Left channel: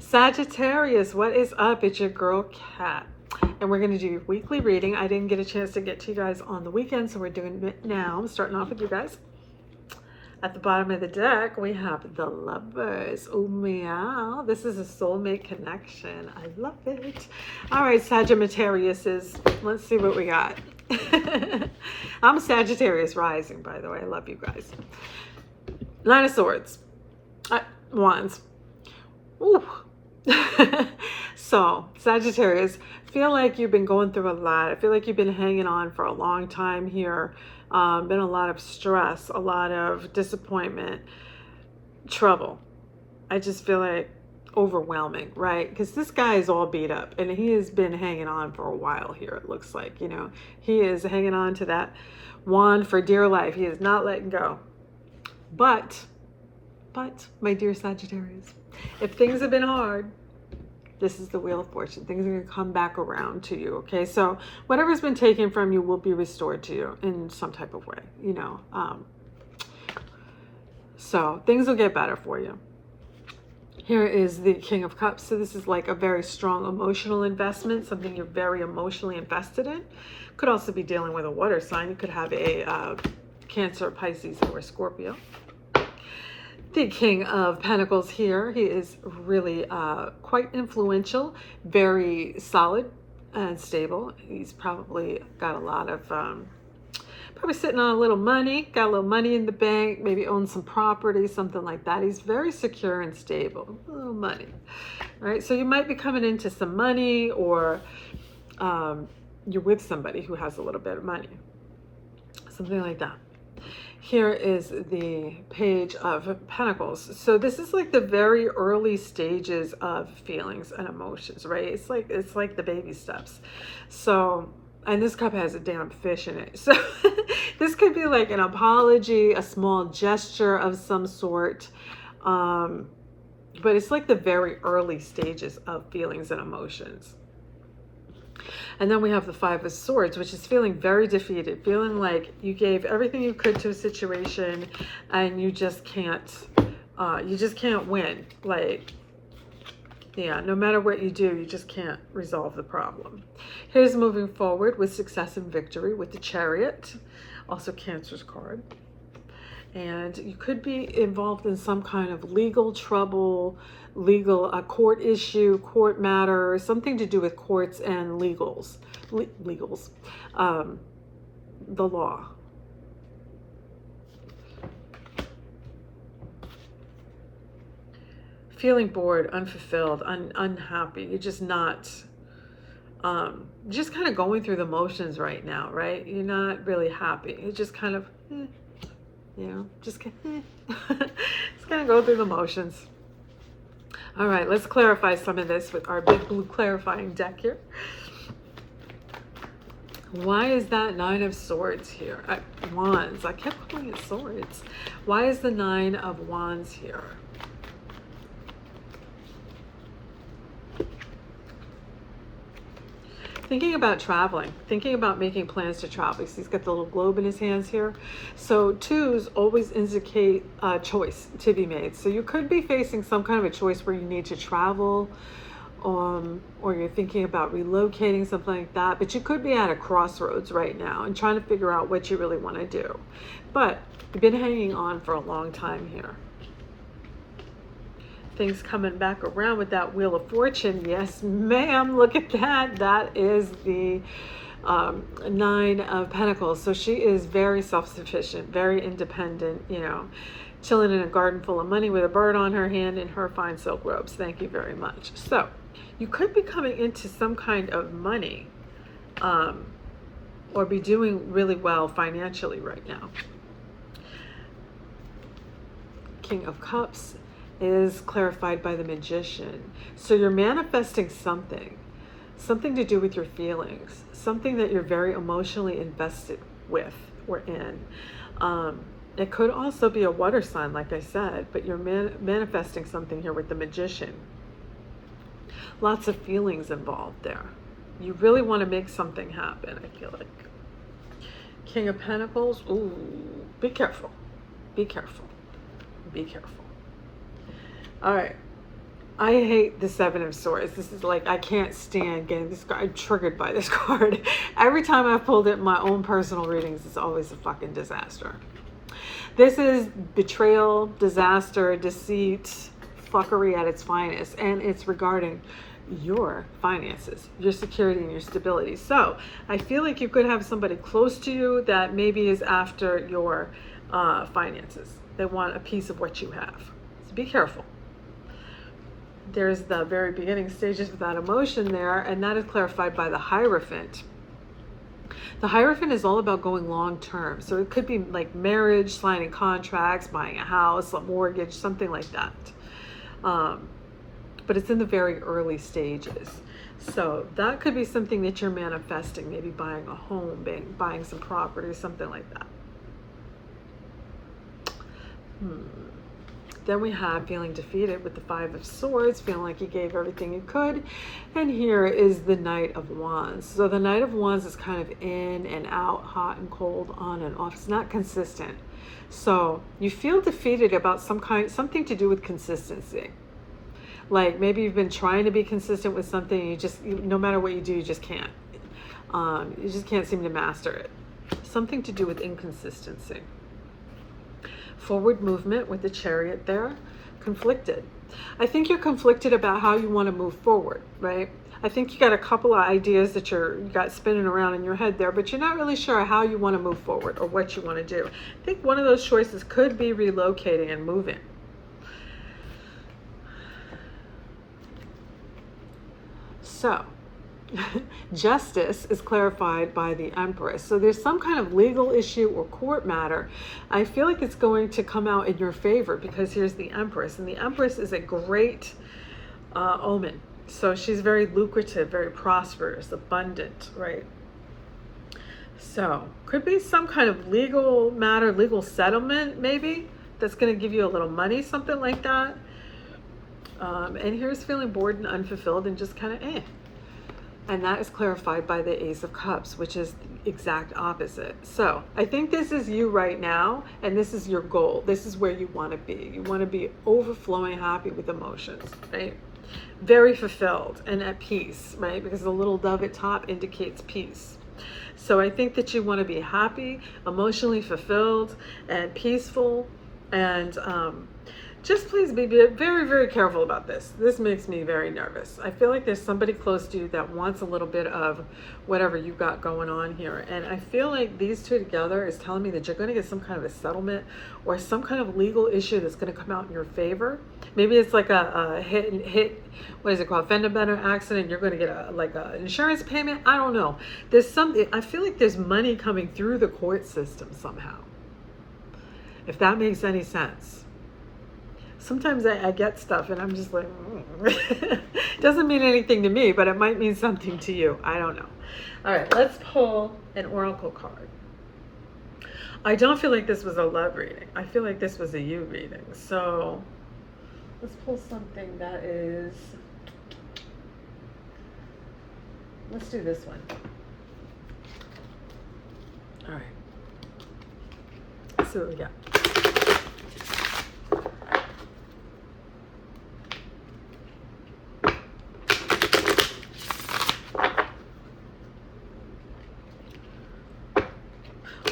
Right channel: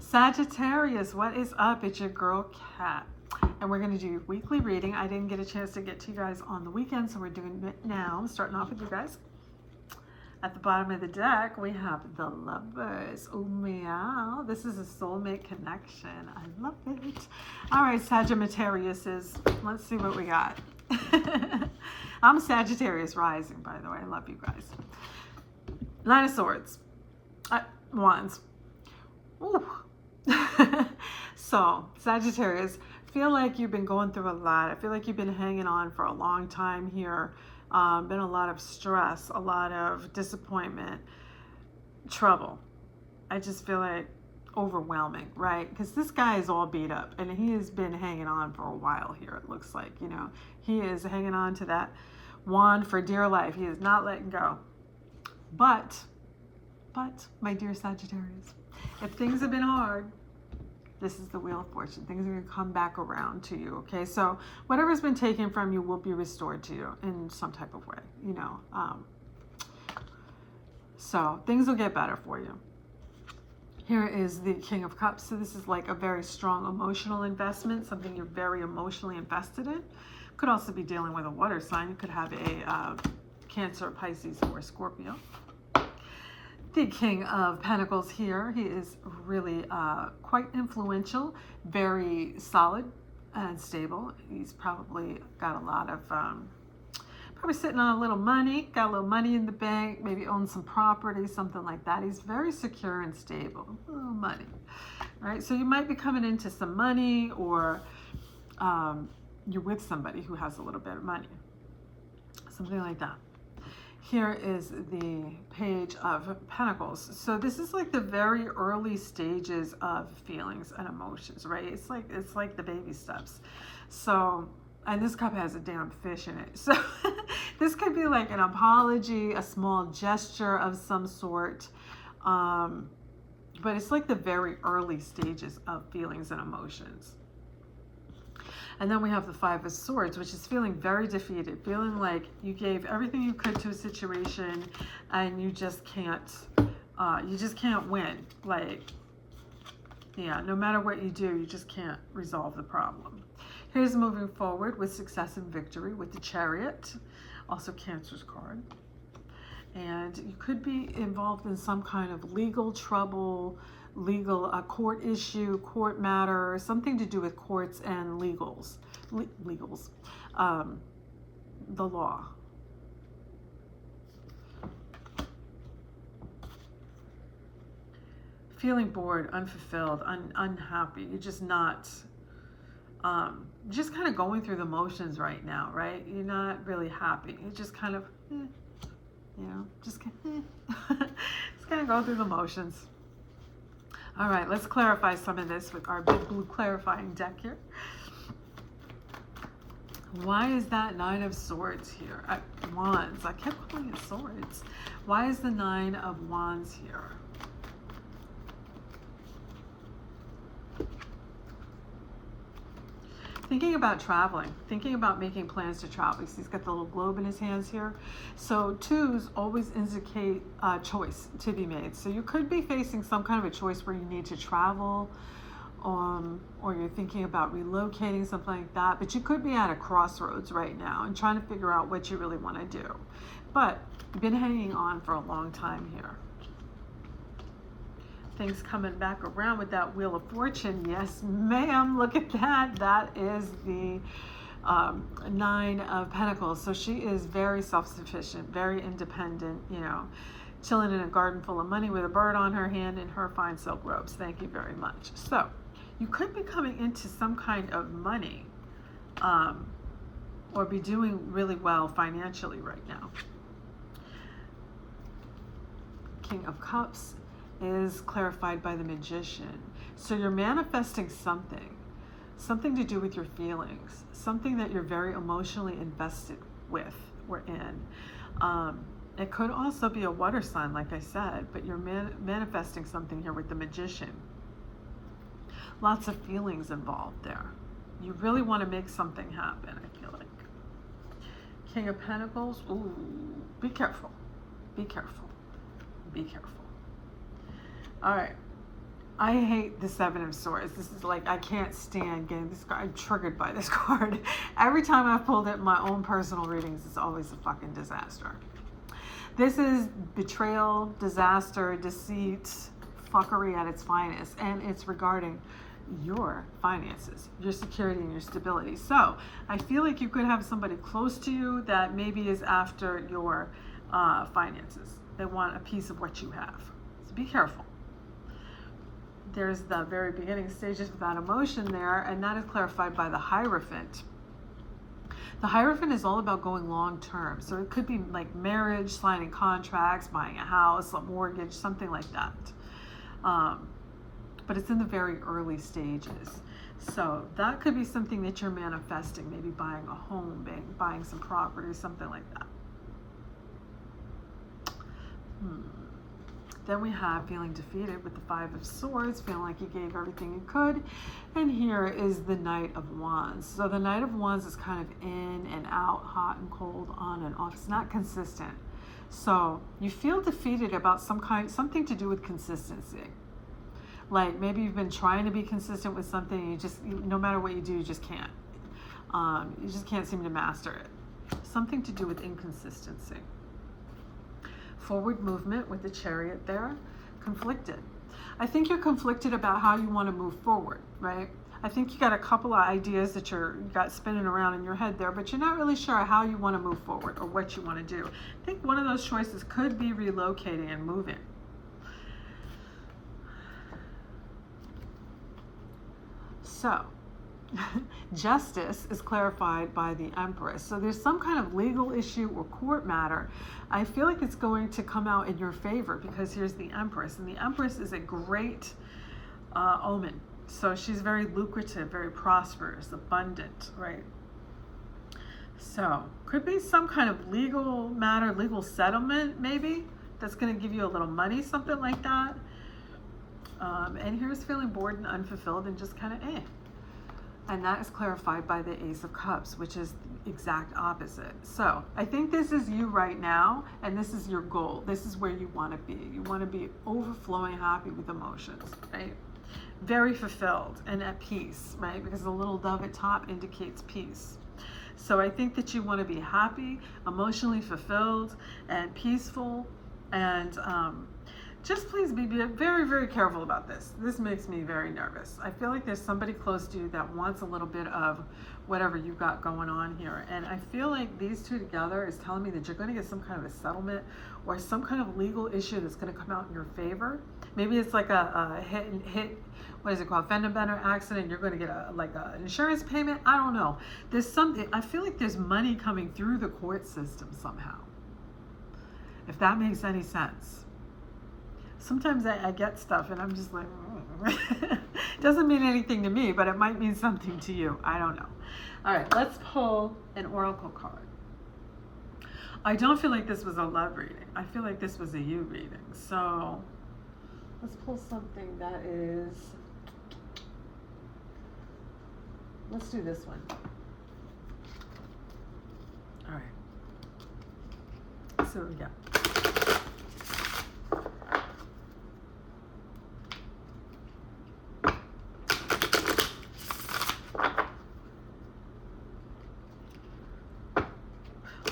Sagittarius, what is up? It's your girl Kat, and we're going to do your weekly reading. I didn't get a chance to get to you guys on the weekend, so we're doing it now. I'm starting off with you guys. At the bottom of the deck, we have the Lovers. Oh, meow. This is a soulmate connection. I love it. All right, Sagittarius, let's see what we got. I'm a Sagittarius rising, by the way. I love you guys. Nine of Swords. Wands. Ooh. So, Sagittarius, feel like you've been going through a lot. I feel like you've been hanging on for a long time here. Been a lot of stress, a lot of disappointment, trouble. I just feel like overwhelming, right? Because this guy is all beat up and he has been hanging on for a while here. It looks like, you know, he is hanging on to that wand for dear life. He is not letting go. But, my dear Sagittarius, if things have been hard, this is the Wheel of Fortune. Things are going to come back around to you, okay? So whatever's been taken from you will be restored to you in some type of way, you know. So things will get better for you. Here is the King of Cups. So this is like a very strong emotional investment, something you're very emotionally invested in. Could also be dealing with a water sign. You could have a Cancer, Pisces, or Scorpio. The King of Pentacles here, he is really quite influential, very solid and stable. He's probably got a lot of, probably sitting on a little money, got a little money in the bank, maybe owns some property, something like that. He's very secure and stable, a little money, right? So you might be coming into some money, or you're with somebody who has a little bit of money, something like that. Here is the Page of Pentacles. So this is like the very early stages of feelings and emotions, right? It's like the baby steps. So, and this cup has a damn fish in it. So this could be like an apology, a small gesture of some sort. But it's like the very early stages of feelings and emotions. And then we have the Five of Swords, which is feeling very defeated, feeling like you gave everything you could to a situation and you just can't win. Like, yeah, no matter what you do, you just can't resolve the problem. Here's moving forward with success and victory with the Chariot, also Cancer's card. And you could be involved in some kind of legal trouble, court issue, court matter, something to do with courts and legals, the law. Feeling bored, unfulfilled, unhappy. You're just not, just kind of going through the motions right now, right? You're not really happy. You're just kind of, you know, just kind of go through the motions. All right, let's clarify some of this with our big blue clarifying deck here. Why is that Nine of Swords here? Wands. I kept calling it swords. Why is the Nine of Wands here? Thinking about traveling, thinking about making plans to travel. He's got the little globe in his hands here. So twos always indicate a choice to be made. So you could be facing some kind of a choice where you need to travel, or you're thinking about relocating, something like that. But you could be at a crossroads right now and trying to figure out what you really want to do. But you've been hanging on for a long time here. Things coming back around with that Wheel of Fortune. Yes, ma'am. Look at that. That is the Nine of Pentacles. So she is very self-sufficient, very independent, you know, chilling in a garden full of money with a bird on her hand and her fine silk robes. Thank you very much. So you could be coming into some kind of money, or be doing really well financially right now. King of Cups is clarified by the Magician. So you're manifesting something to do with your feelings, something that you're very emotionally invested with or in. It could also be a water sign, like I said, but you're manifesting something here with the Magician. Lots of feelings involved there. You really want to make something happen, I feel like. King of Pentacles. Ooh, be careful. Be careful. Be careful. All right. I hate the Seven of Swords. This is like, I can't stand getting this card. I'm triggered by this card. Every time I've pulled it in my own personal readings, it's always a fucking disaster. This is betrayal, disaster, deceit, fuckery at its finest. And it's regarding your finances, your security, and your stability. So I feel like you could have somebody close to you that maybe is after your finances. They want a piece of what you have. So be careful. There's the very beginning stages of that emotion there, and that is clarified by the Hierophant. The Hierophant is all about going long term. So it could be like marriage, signing contracts, buying a house, a mortgage, something like that. But it's in the very early stages. So that could be something that you're manifesting, maybe buying a home, buying some property, something like that. Then we have feeling defeated with the Five of Swords, feeling like you gave everything you could. And here is the Knight of Wands. So the Knight of Wands is kind of in and out, hot and cold, on and off. It's not consistent. So you feel defeated about something to do with consistency. Like maybe you've been trying to be consistent with something, no matter what you do, you just can't. You just can't seem to master it. Something to do with inconsistency. Forward movement with the Chariot there, conflicted. I think you're conflicted about how you want to move forward, right? I think you got a couple of ideas that you got spinning around in your head there, but you're not really sure how you want to move forward or what you want to do. I think one of those choices could be relocating and moving. So, justice is clarified by the Empress. So there's some kind of legal issue or court matter. I feel like it's going to come out in your favor because here's the Empress. And the Empress is a great omen. So she's very lucrative, very prosperous, abundant, right? So could be some kind of legal matter, legal settlement maybe, that's going to give you a little money, something like that. And here's feeling bored and unfulfilled and just kind of And that is clarified by the Ace of Cups, which is the exact opposite. So I think this is you right now, and this is your goal. This is where you want to be. You want to be overflowing happy with emotions, right? Very fulfilled and at peace, right? Because the little dove at top indicates peace. So I think that you want to be happy, emotionally fulfilled, and peaceful, and just please be very, very careful about this. This makes me very nervous. I feel like there's somebody close to you that wants a little bit of whatever you got going on here. And I feel like these two together is telling me that you're going to get some kind of a settlement or some kind of legal issue that's going to come out in your favor. Maybe it's like a hit, what is it called? Fender bender accident. You're going to get an insurance payment. I don't know. There's something, I feel like there's money coming through the court system somehow. If that makes any sense. Sometimes I get stuff and I'm just like, doesn't mean anything to me, but it might mean something to you. I don't know. All right, let's pull an oracle card. I don't feel like this was a love reading. I feel like this was a you reading. So let's pull something that is, let's do this one. All right. Let's see what we got.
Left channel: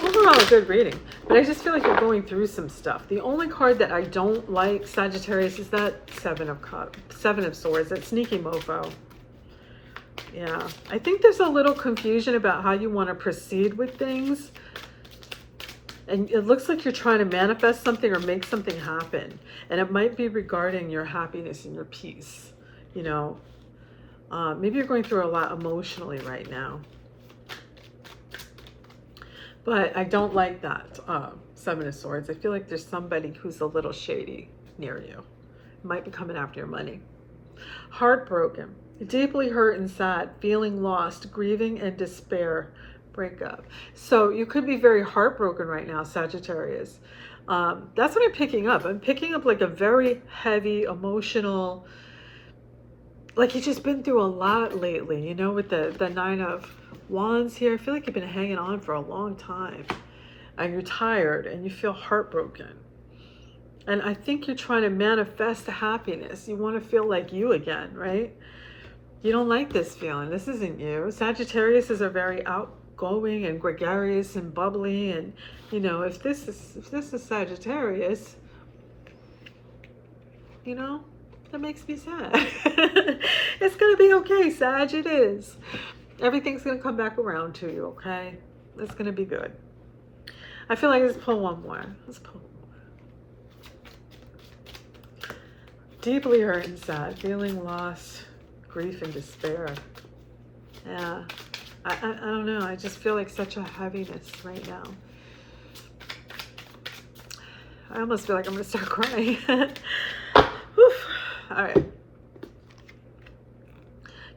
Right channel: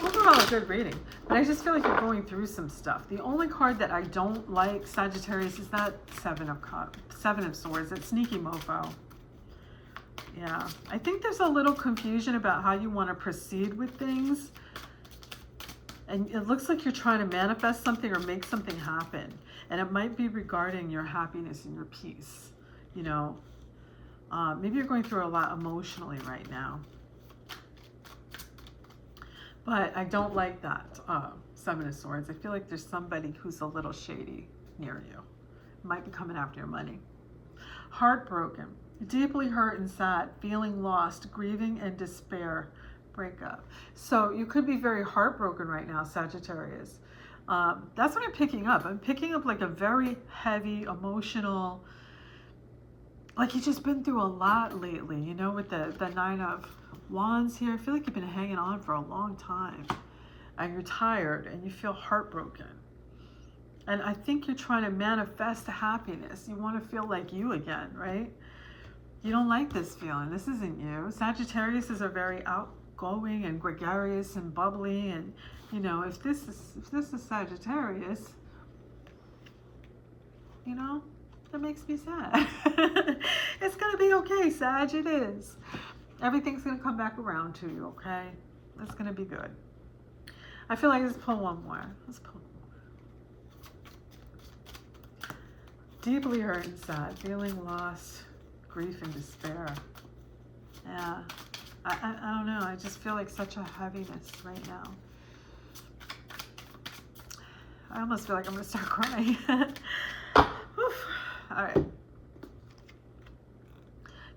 Overall, a good reading, but I just feel like you're going through some stuff. The only card that I don't like, Sagittarius, is that Seven of Swords, that sneaky mofo. Yeah, I think there's a little confusion about how you want to proceed with things. And it looks like you're trying to manifest something or make something happen. And it might be regarding your happiness and your peace. You know, maybe you're going through a lot emotionally right now. But I don't like that Seven of Swords. I feel like there's somebody who's a little shady near you. Might be coming after your money. Heartbroken, deeply hurt and sad, feeling lost, grieving and despair, breakup. So you could be very heartbroken right now, Sagittarius. That's what I'm picking up. I'm picking up like a very heavy, emotional, like you've just been through a lot lately, you know, with the Nine of Wands here. I feel like you've been hanging on for a long time and you're tired and you feel heartbroken. And I think you're trying to manifest happiness. You want to feel like you again, right? You don't like this feeling. This isn't you. Sagittarius is a very outgoing and gregarious and bubbly, and you know, if this is Sagittarius, you know, that makes me sad. It's gonna be okay, Sag. It is. Everything's gonna come back around to you, okay? It's gonna be good. I feel like let's pull one more. Let's pull one more. Deeply hurt and sad, feeling lost, grief and despair. Yeah. I don't know. I just feel like such a heaviness right now. I almost feel like I'm gonna start crying. All right.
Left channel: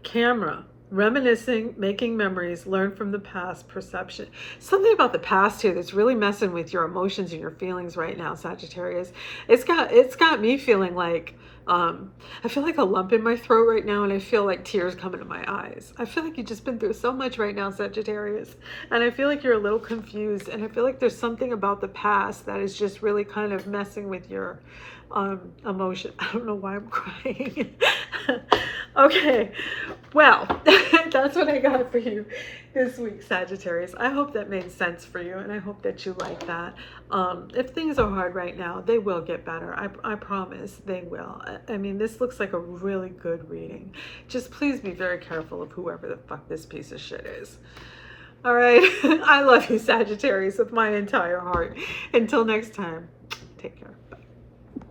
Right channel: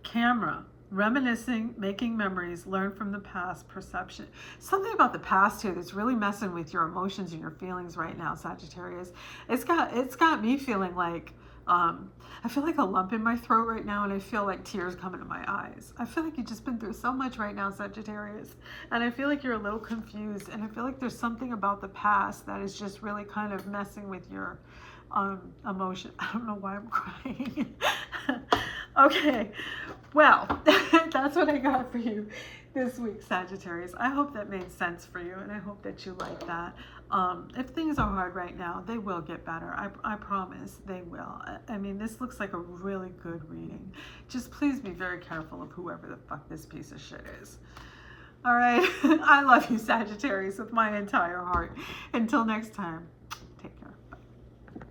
Camera. Reminiscing, making memories, learn from the past, perception. Something about the past here that's really messing with your emotions and your feelings right now, Sagittarius. It's got me feeling like, I feel like a lump in my throat right now, and I feel like tears coming to my eyes. I feel like you've just been through so much right now, Sagittarius. And I feel like you're a little confused, and I feel like there's something about the past that is just really kind of messing with your emotion. I don't know why I'm crying. Okay, well, that's what I got for you this week, Sagittarius. I hope that made sense for you, and I hope that you like that. If things are hard right now, they will get better. I promise they will. I mean, this looks like a really good reading. Just please be very careful of whoever the fuck this piece of shit is. All right, I love you, Sagittarius, with my entire heart. Until next time, take care.